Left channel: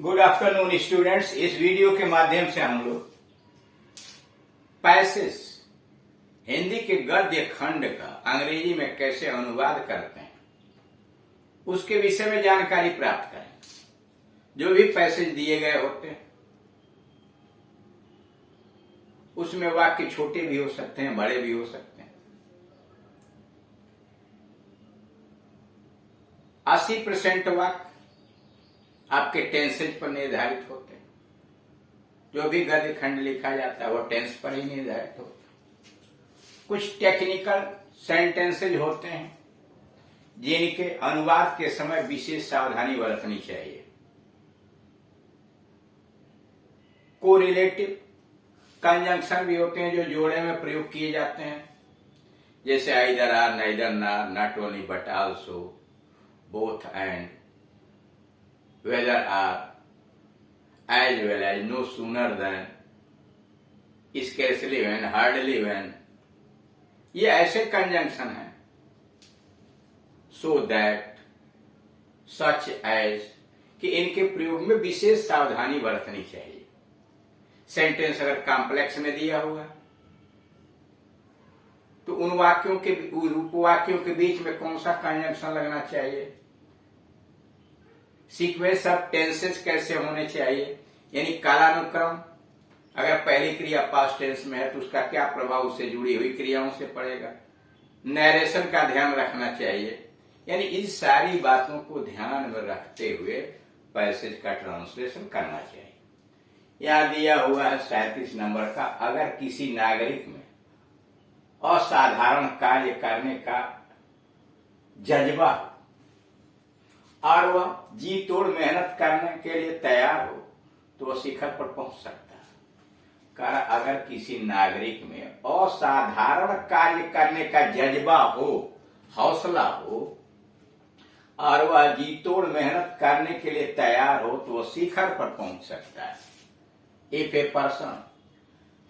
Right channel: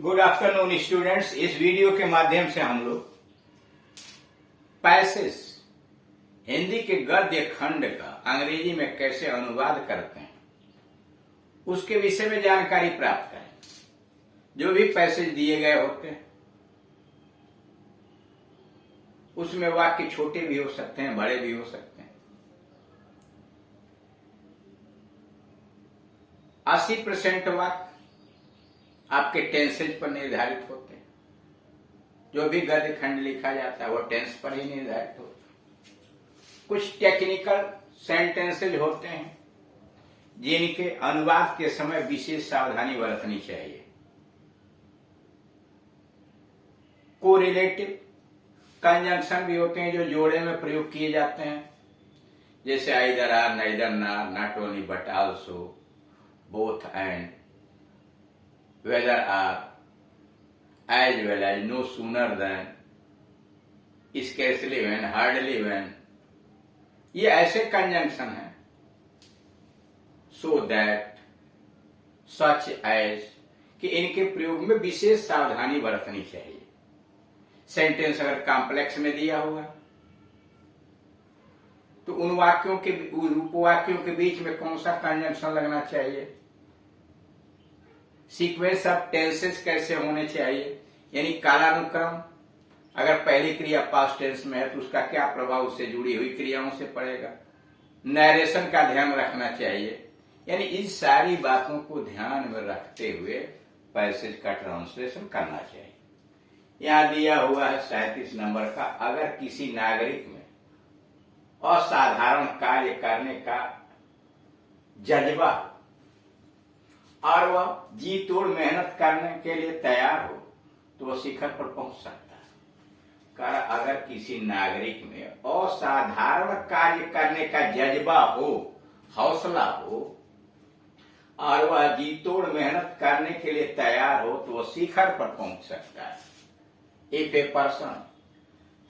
Good afternoon students. इस video के माध्यम से हम लोग पैसेज हिंदी के गद्य खंड का अंग्रेजी में कैसे अनुवाद करते हैं उसके विषय में जानकारी प्राप्त करें। जो भी पैसेज दिए गए होते हैं उसमें वाक्य छोटे भी हो सकते हैं, बड़े भी हो सकते हैं। 80% वाक्य आपके टेंसेज पर निर्धारित होते हैं। जो भी गद्य खंड लिखा जाता है वो टेंस पर ही निर्धारित होता है। कुछ टेक्निकल सेंटेंसेज होते हैं जिनके अनुवाद के समय विशेष सावधानी बरतनी चाहिए। कोरिलेटिव कंजंक्शन भी होते हैं जो जोड़े में प्रयोग किए जाते हैं, जैसे either or, neither nor, not only but also, both and, whether are, as well as, no sooner than, scarcely when, hardly when। ये ऐसे कंजंक्शन हैं। so that, such as कि इनके प्रयोग में विशेष सावधानी बरतनी चाहिए। सेंटेंस अगर कॉम्प्लेक्स में दिया हुआ तो उन वाक्यों के उपवाक्यों के बीच में कौन सा कंजंक्शन लगना चाहिए, सीक्वेंस ऑफ टेंसेस कैसे होने चाहिए, यानी कालानुक्रम। अगर पहली क्रिया पास्ट टेंस में है तो उसका क्या प्रभाव उससे जुड़ी हुई क्रियाओं से पड़ेगा। नरेशन का ध्यान रखना चाहिए। यानी इन सारी बातों को ध्यान में रखते हुए पैसेज का ट्रांसलेशन करना चाहिए। यहां दिया हुआ है 37 नंबर का, अगर किसी नागरिक में असाधारण कार्य करने का जज्बा और वह जी तोड़ मेहनत करने के लिए तैयार हो तो वह शिखर पर पहुंच सकता है। कारण अगर किसी नागरिक में असाधारण कार्य करने का जज्बा हो, हौसला हो और वह जी तोड़ मेहनत करने के लिए तैयार हो तो वह शिखर पर पहुंच सकता है। If a person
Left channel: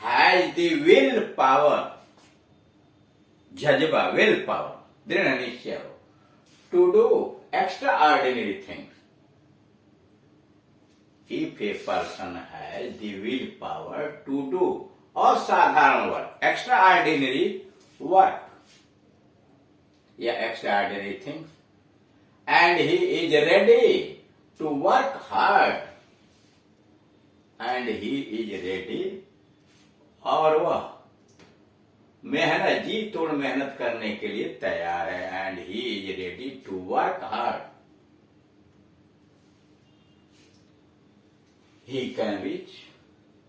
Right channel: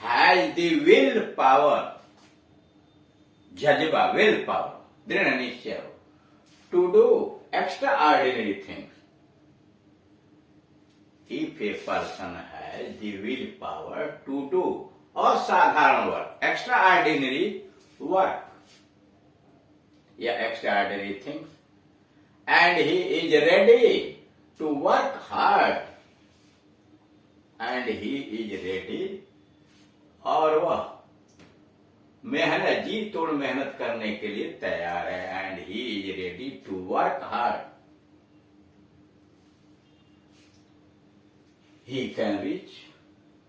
has the will power, जज्बा, विल पावर, दृढ़ निश्चय हो, to do extraordinary things। If a person has the willpower to do असाधारण work, extraordinary work या extraordinary things, and he is ready to work hard, and he is ready, और वह मेहनत, जी तोड़ मेहनत करने के लिए तैयार है, and he is ready to work hard, he can reach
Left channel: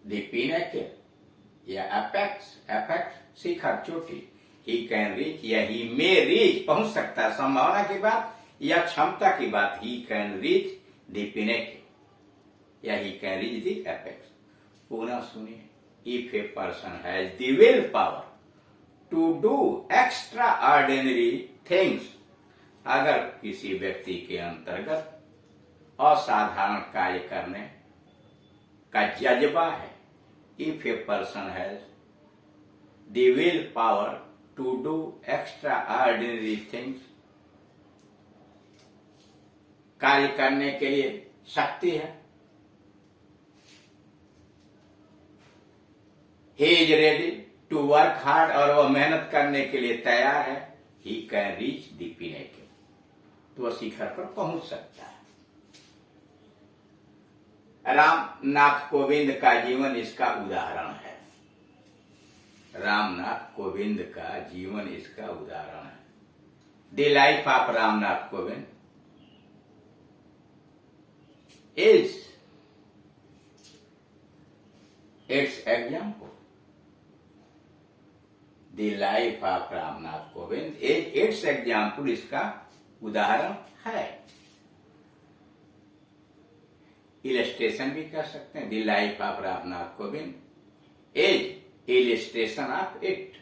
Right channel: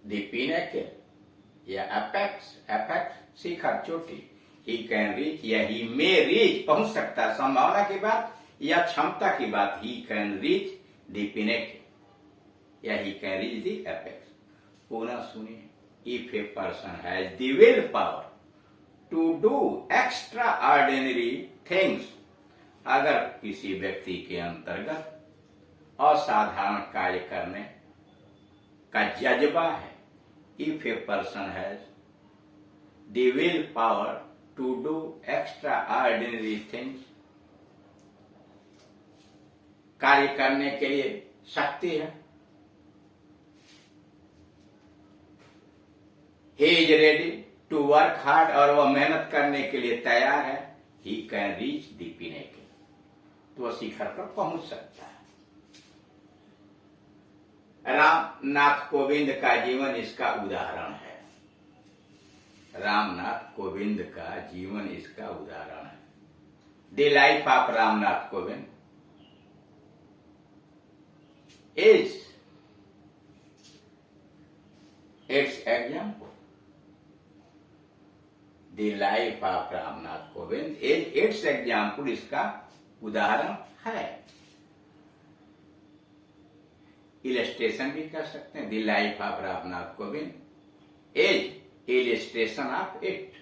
the pinnacle या एपेक्स, एपेक्स शिखर, चोटी। ही कैन रीच या ही मे रीच, पहुंच सकता है, संभावना की बात या क्षमता की बात। He can reach the pinnacle या he can reach the apex. पुनः सुनिए, if a person has the will power to do extraordinary things, अगर किसी व्यक्ति के अंतर्गत असाधारण कार्य करने का जज्बा है, if a person has the will power to do extraordinary things, कार्य करने के लिए शक्ति है, he is ready to work hard, और वह मेहनत करने के लिए तैयार है, he can reach the pinnacle, तो वह शिखर पर पहुंच सकता है। रामनाथ कोविंद का जीवन इसका उदाहरण है। रामनाथ कोविंद का जीवन इसका उदाहरण है। The life of Ramnath Kovind is it's example. The life of Ramnath Kovind is it's example, इसका उदाहरण है। इलस्ट्रेशन भी कर सकते हैं। The life of Ramnath Kovind is illustration of it.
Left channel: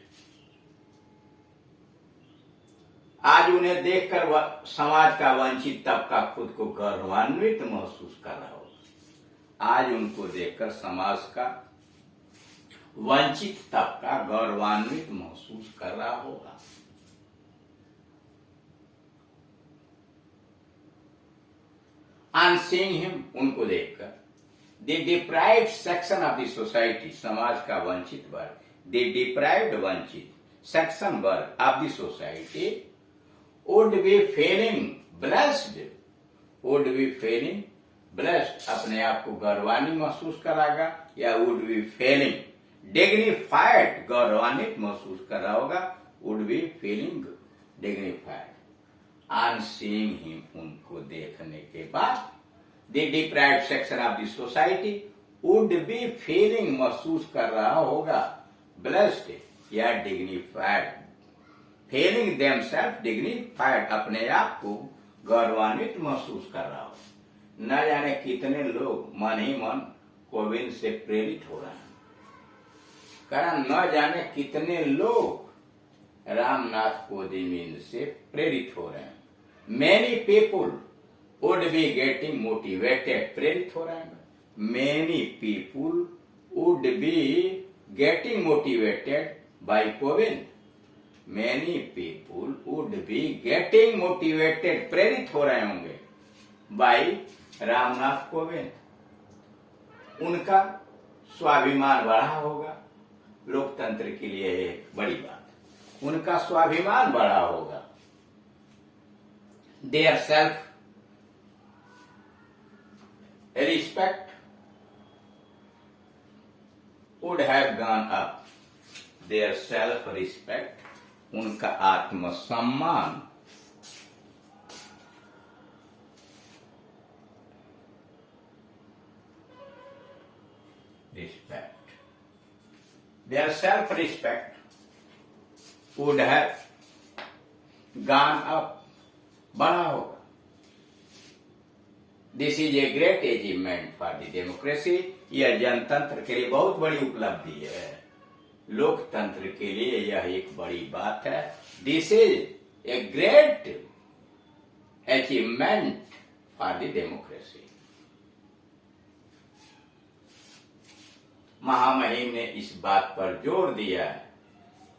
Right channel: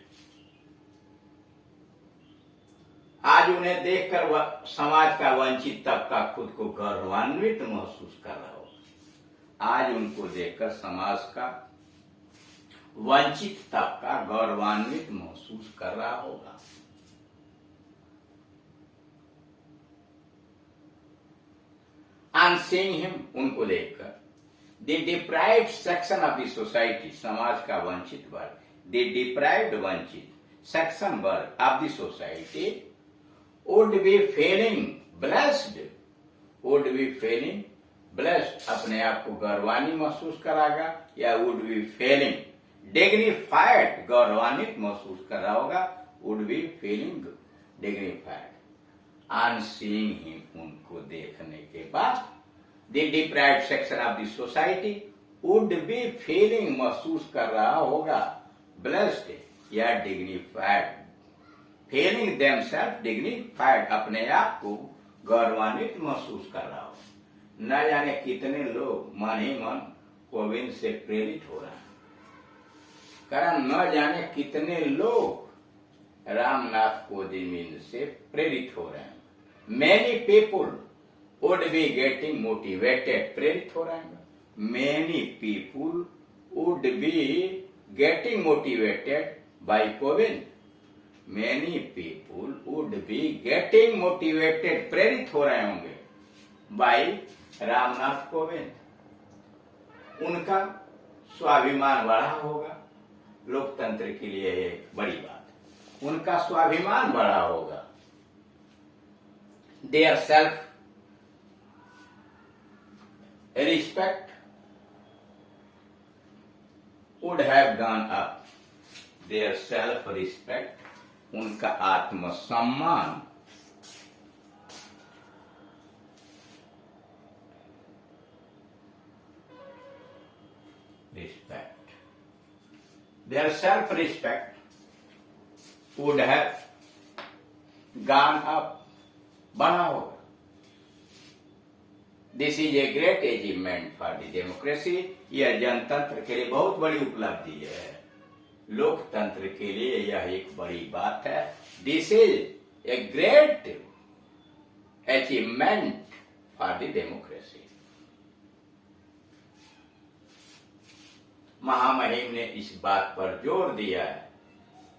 आज उन्हें देखकर समाज का वंचित तबका खुद को गौरवान्वित महसूस कर रहा होगा। आज उनको देखकर समाज का वंचित तबका गौरवान्वित महसूस कर रहा होगा। ऑन सीइंग हिम, उनको देखकर, the deprived section of the society, समाज का वंचित वर्ग, द डिप्राइव्ड वंचित सेक्शन वर्ग of the society would be feeling blessed, would be feeling blessed, अपने आप को गौरवान्वित महसूस कराएगा, या वुड बी फीलिंग डिग्निफाइड, गौरवान्वित महसूस कर रहा होगा, would be feeling dignified on seeing him, उनको देखने के बाद, the deprived section of the society would be feeling, महसूस कर रहा होगा, ब्लेस्ड या डिग्निफाइड, फीलिंग देमसेल्फ डिग्निफाइड, अपने आप को गौरवान्वित महसूस कर रहा हो। न जाने कितने लोग मन ही मन कोविंद से प्रेरित हो रहे हैं, कारण न जाने कितने लोग रामनाथ कोविंद से प्रेरित हो रहे हैं। Many people would be getting motivated, प्रेरित हो रहे हैं। Many people would be getting motivated by Kovind, many people would be getting motivated, प्रेरित हो रहे होंगे बाय रामनाथ कोविंद, उनका स्वाभिमान बढ़ा होगा, लोकतंत्र के लिए एक बड़ी बात, उनका स्वाभिमान बढ़ा होगा, their self respect would have gone up, their self respect, उनका आत्मसम्मान respect, their self-respect would have gone up, बढ़ा होगा। This is a great achievement for the democracy, यह जनतंत्र के लिए बहुत बड़ी उपलब्धि है, लोकतंत्र के लिए यह एक बड़ी बात है। This is a great achievement for the democracy. महामहिम ने इस बात पर जोर दिया है,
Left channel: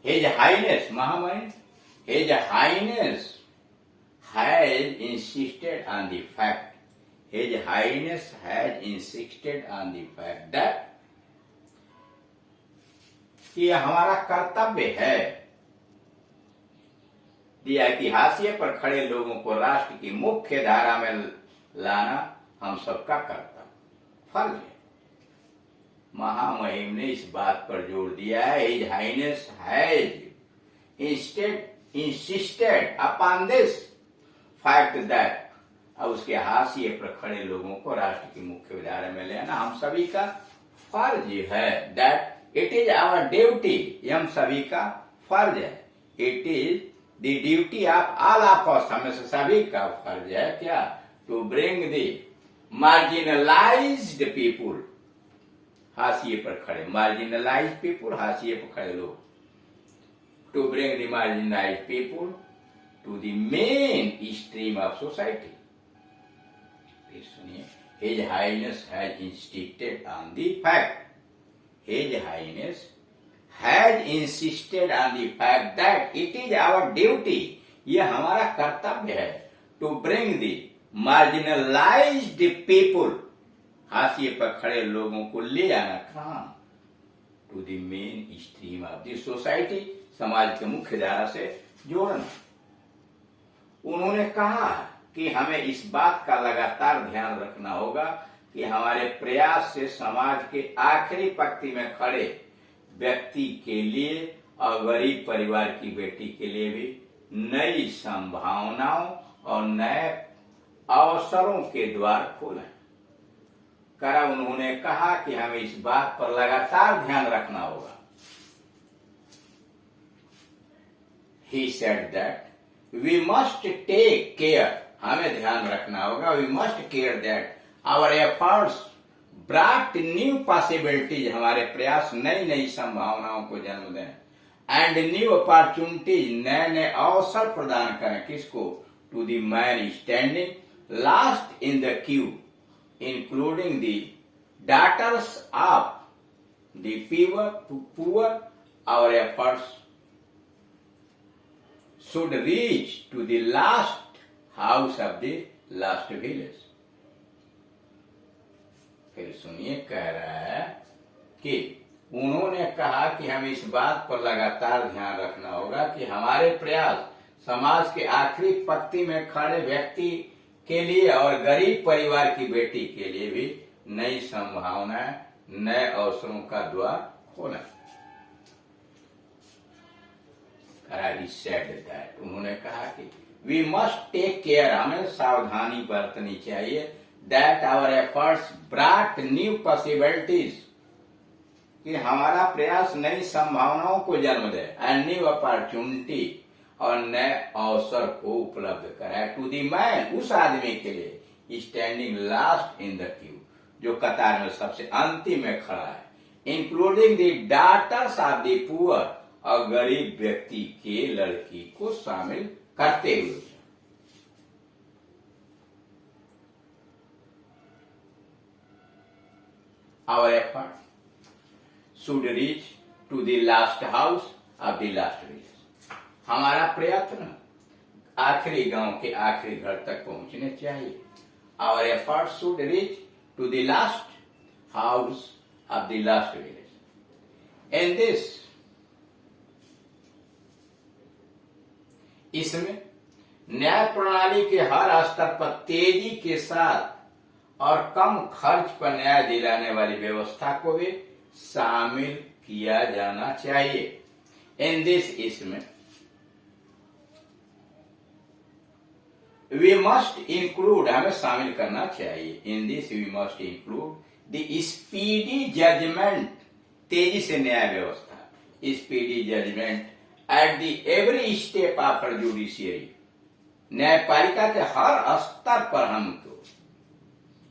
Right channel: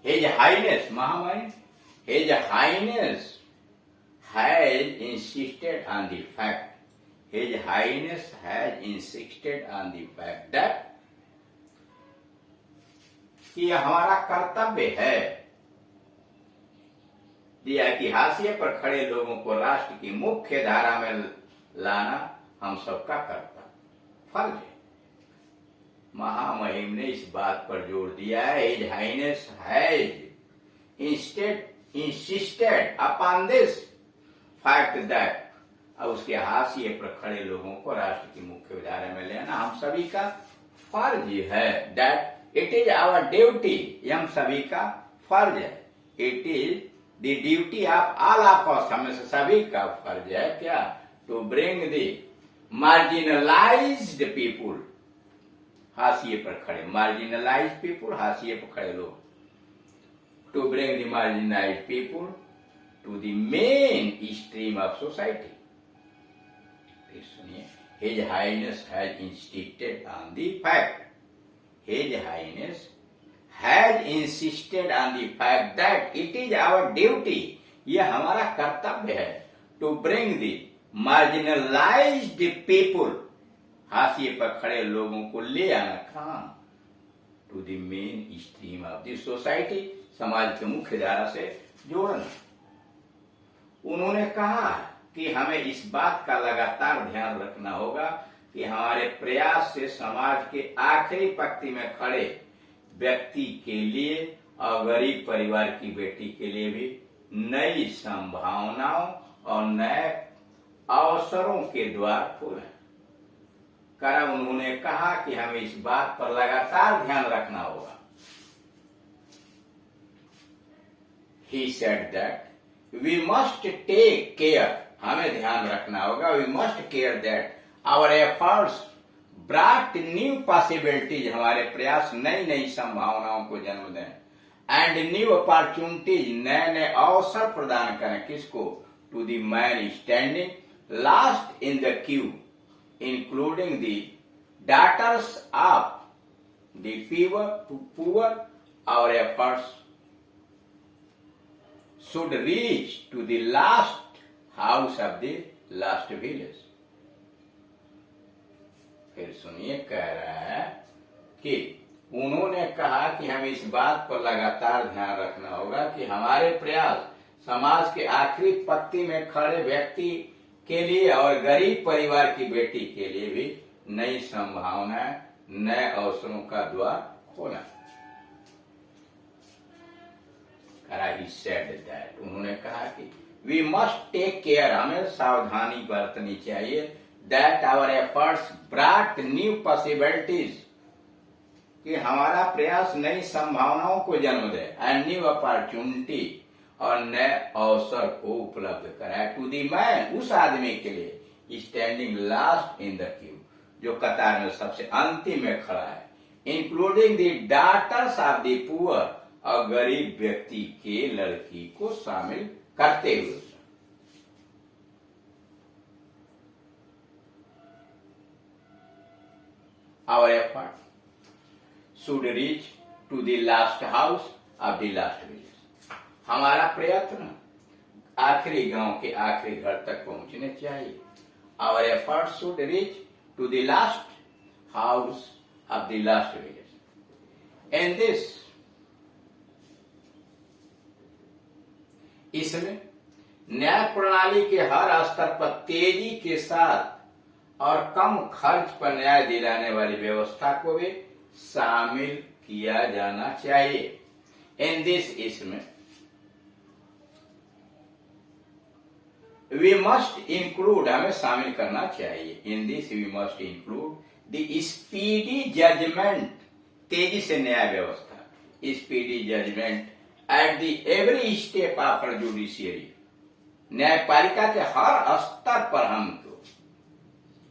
हिज हाइनेस, महामहिम, his highness has insisted on the fact, his highness has insisted on the fact that, कि यह हमारा कर्तव्य है, ऐतिहासिक पर खड़े लोगों को राष्ट्र की मुख्य धारा में लाना हम सबका कर्तव्य, फर्ज है। महामहिम ने इस बात पर जोर दिया है, his highness has insisted upon this fact that, अब उसके हाशिए पर खड़े लोगों को राष्ट्र की मुख्य धारा में लेना हम सभी का फर्ज है। That it is our duty, हम सभी का फर्ज है। It is the duty of all of us, हमें सभी का फर्ज है क्या, to bring the marginalised people, हाशिए पर खड़े, मार्जिनलाइज पीपुल, हाशिए पर खड़े लोग, to bring the marginalise people to the mainstream of society. फिर सुनिए, his highness has insisted on the fact, his highness has insisted on the fact that it is our duty, यह हमारा कर्तव्य है, to bring the marginalised people, हाशिए पर खड़े लोगों को ले आना कहां, to the mainstream of the society, समाज के मुख्य धारा से जोड़ना। उन्होंने कहा कि हमें इस बात का लगातार ध्यान रखना होगा कि हमारे प्रयास से समाज के आखिरी पंक्ति में खड़े व्यक्ति के लिए और गरीब परिवार की बेटी के लिए भी नई संभावनाओं और नए अवसरों के द्वार खोलें। करा उन्होंने कहा कि हमें इस बात पर लगातार ध्यान रखना होगा। He said that we must take care, हमें ध्यान रखना होगा, we must care that our efforts brought new possibilities, हमारे प्रयास नई नई संभावनाओं को जन्म दें, and new opportunities, नए नए अवसर प्रदान करें, किसको, to the man standing last in the queue, including the daughters of the poor. Our efforts should reach to the last house of the last village. फिर सुनिए, कह रहा है कि उन्होंने कहा कि हम इस बात पर लगातार ध्यान रखना होगा कि हमारे प्रयास समाज के आखिरी पंक्ति में खड़े व्यक्ति के लिए और गरीब परिवार की बेटी के लिए भी नई संभावनाएं, नए अवसरों का द्वार खोला। उन्होंने कहा कि वी मस्ट टेक केयर, हमें सावधानी बरतनी चाहिए, that our efforts brought new possibilities, कि हमारा प्रयास नई संभावनाओं को जन्म दे, एंड न्यू अपॉर्चुनिटी, और नए अवसर को उपलब्ध कराए, टू दी मैन, उस आदमी के लिए standing last in the queue, जो कतार में सबसे अंतिम में खड़ा है, including the daughters of the poor, और गरीब व्यक्ति के लड़की को शामिल करते हुए। Our effort should reach to the last house of the last village, हमारा प्रयत्न आखिरी गांव के आखिरी घर तक पहुंचने चाहिए। Our effort should reach to the last house of the last village. And this, इसमें न्याय प्रणाली के हर स्तर पर तेजी के साथ और कम खर्च पर न्याय दिलाने वाली व्यवस्था को भी शामिल किया जाना चाहिए। इन दिस, इसमें वी मस्ट इंक्लूड, हमें शामिल करना चाहिए। In this we must include the speedy judgement, तेजी से न्याय व्यवस्था, speedy judgement at the every step after judiciary, न्यायपालिका के हर स्तर पर हमको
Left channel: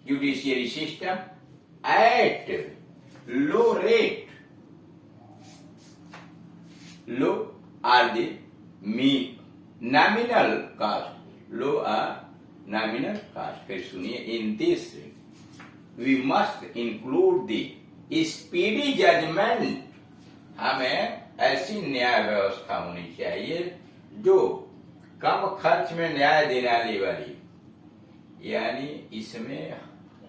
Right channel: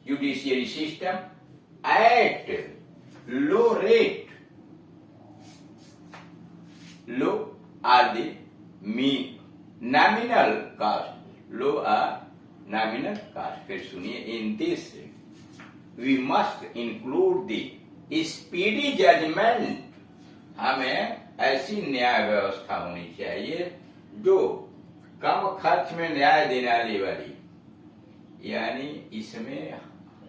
judiciary system at low rate, low or the nominal cost, low or nominal cost. फिर सुनिए, in this we must include the speedy judgement, हमें ऐसी न्याय व्यवस्था होनी चाहिए जो कम खर्च में न्याय दिलाने वाली, यानी इसमें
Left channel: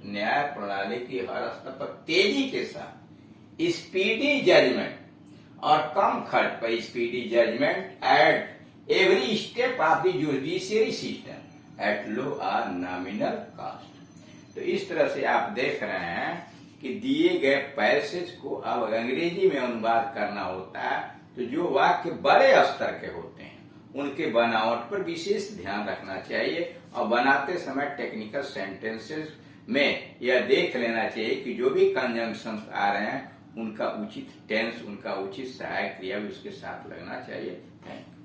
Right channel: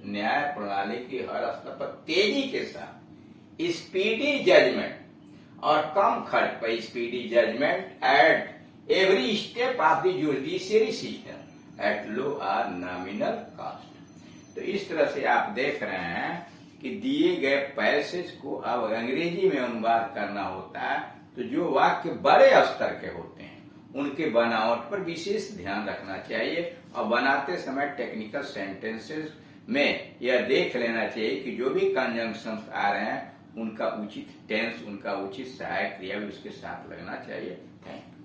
न्याय प्रणाली की हर स्तर पर तेजी के साथ स्पीडी जजमेंट और कम खर्च पर speedy judgement at every step of the judiciary system at low or nominal cost. तो इस तरह से आप देख रहे हैं कि दिए गए पैसेज को अब अंग्रेजी में अनुवाद करना होता है, तो जो वाक्य बड़े स्तर के होते हैं उनके बनावट पर विशेष ध्यान रखना चाहिए, और बनाते समय टेक्निकल सेंटेंसेस में यह देख लेना चाहिए कि जो भी कंजंक्शंस आ रहे हैं उनका उचित टेंस, उनका उचित सहायक क्रिया भी उसके साथ लगना चाहिए। Thank you.